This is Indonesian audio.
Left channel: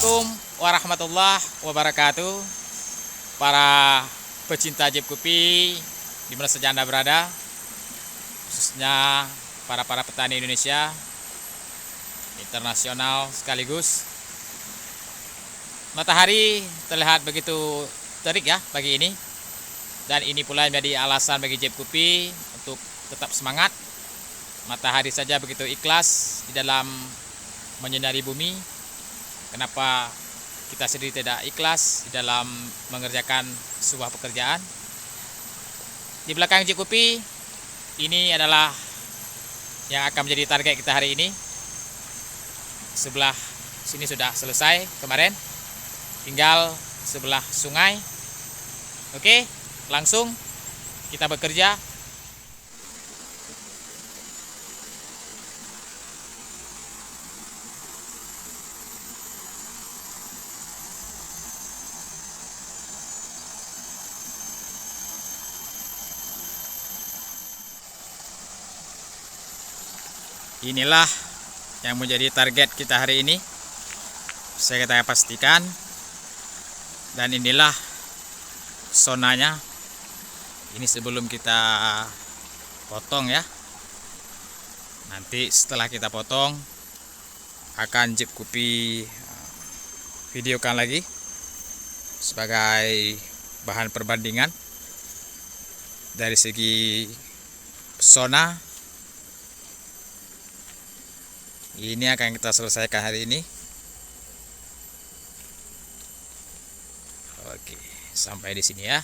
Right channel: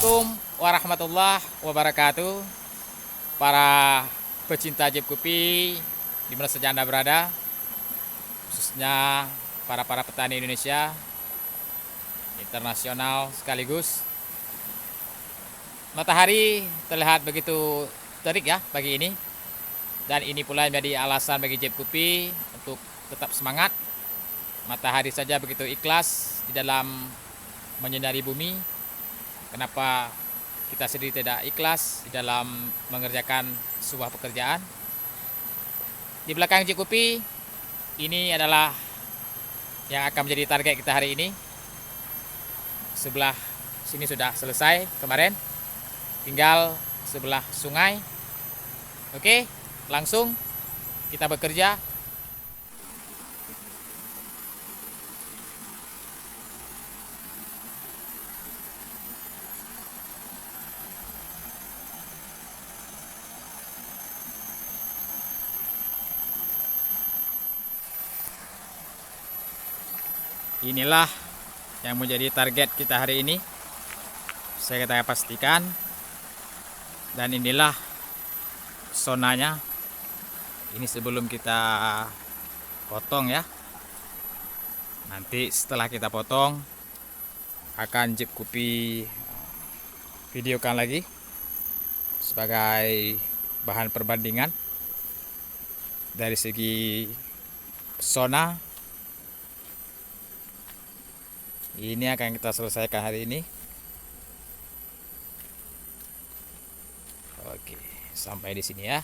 Assalamualaikum warahmatullahi wabarakatuh. Para pecinta Jeep Kopi di mana saja Anda berada, khususnya para petani Indonesia, internasional sekaligus. Matahari terlihat begitu terik ya pagi ini, dan ini pula menjadi alasan bagi Jeep Kopi untuk tetap semangat. Matahari saja begitu ikhlas di dalam menyinari bumi. Kenapa kita sendiri tidak ikhlas di dalam mengerjakan sebuah pekerjaan? Di belakang Jeep Kopi ini adalah yang akan menjadi target kita hari ini. Sebelah sini sudah selesai kemarin, tinggal sebelah sungai. Oke, langsung kita bekerja. Inilah yang menjadi target kita hari ini, saya katakan pastikan. Dan inilah sonanya. Ini sebelum kita potong ya. Nanti setelah kita potong akan Jeep Kopi videokan lagi sebagai bahan perbandingan dari segi sona. Ini akan kita selesaikan hari ini. Oke, sampai di sini ya.